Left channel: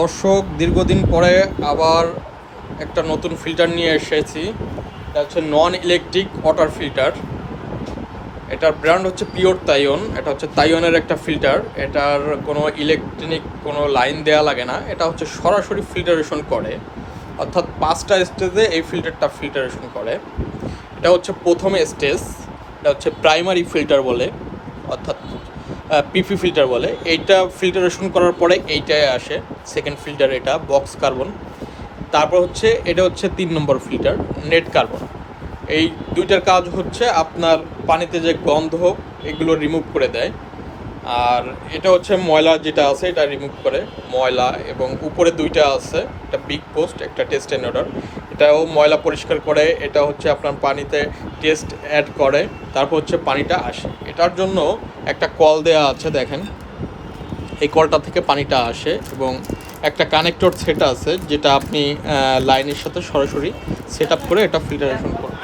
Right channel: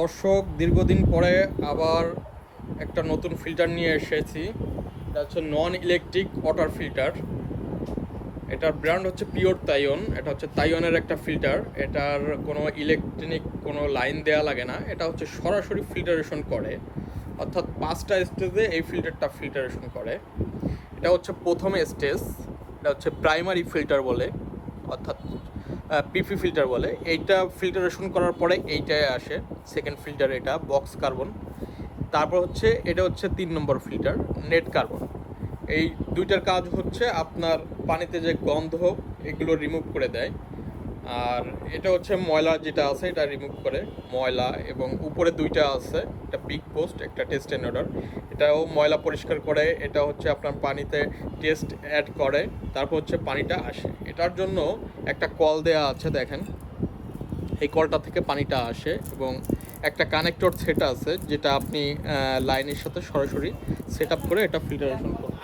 দর্শক দীর্ঘদিন পরে আবার একটা নতুন ফিল্টার নিয়ে এসেছি। এটা হচ্ছে নন ইলেকট্রিক ওয়াটার ফিল্টার এটার ব্র্যান্ড হচ্ছে পিওর তাইওন এটা হচ্ছে তাইওনের একটা ফিল্টার এটার কোনো ইলেকট্রনিক কোনো লাইন দেওয়া লাগে না। এটা হচ্ছে সরাসরি ফিল্টারেশন করে। অর্থাৎ পাঁচটা স্টেজে এই ফিল্টারটা ফিল্টারেশন করে। এটা হচ্ছে প্রথম স্টেজ এটা হচ্ছে প্রাইমারি ফিল্টার বলে। অর্থাৎ পিপি ফিল্টার বলে। এইটা ফিল্টারেশন করার পরে এইটাই আসে। সেকেন্ড ফিল্টার এটা বক্স কার্বন তারপর হচ্ছে, এটা হচ্ছে তিন নম্বর ফিল্টার নেট কার্বন এই দুইটার কাজ হচ্ছে আপনার পানিতে যে গন্ধ এগুলো রিমুভ করে দেয়। আর এটা হচ্ছে ময়লা যেটা আছে, এটা রিমুভ করে। ময়লা এবং উপরে দুইটা আছে, একটা বিগ পোস্ট একটা টেস্ট অ্যান্ড অর্ডার এটাও ময়লা পরিষ্কার করে, এটা হচ্ছে আপনার পানিতে টেস্ট অ্যাড করে, তারপর হচ্ছে পানিটা আসে। এটার জন্য একটা কল দেয়া আছে, দেখেন। এই কলটা থেকে পানিটা আসে এবং একটা কানেক্টর সেট আছে, যেটা আপনি লাইনের সাথে সরাসরি সেট আপ করে এটা ফিল্টারেশন করবেন।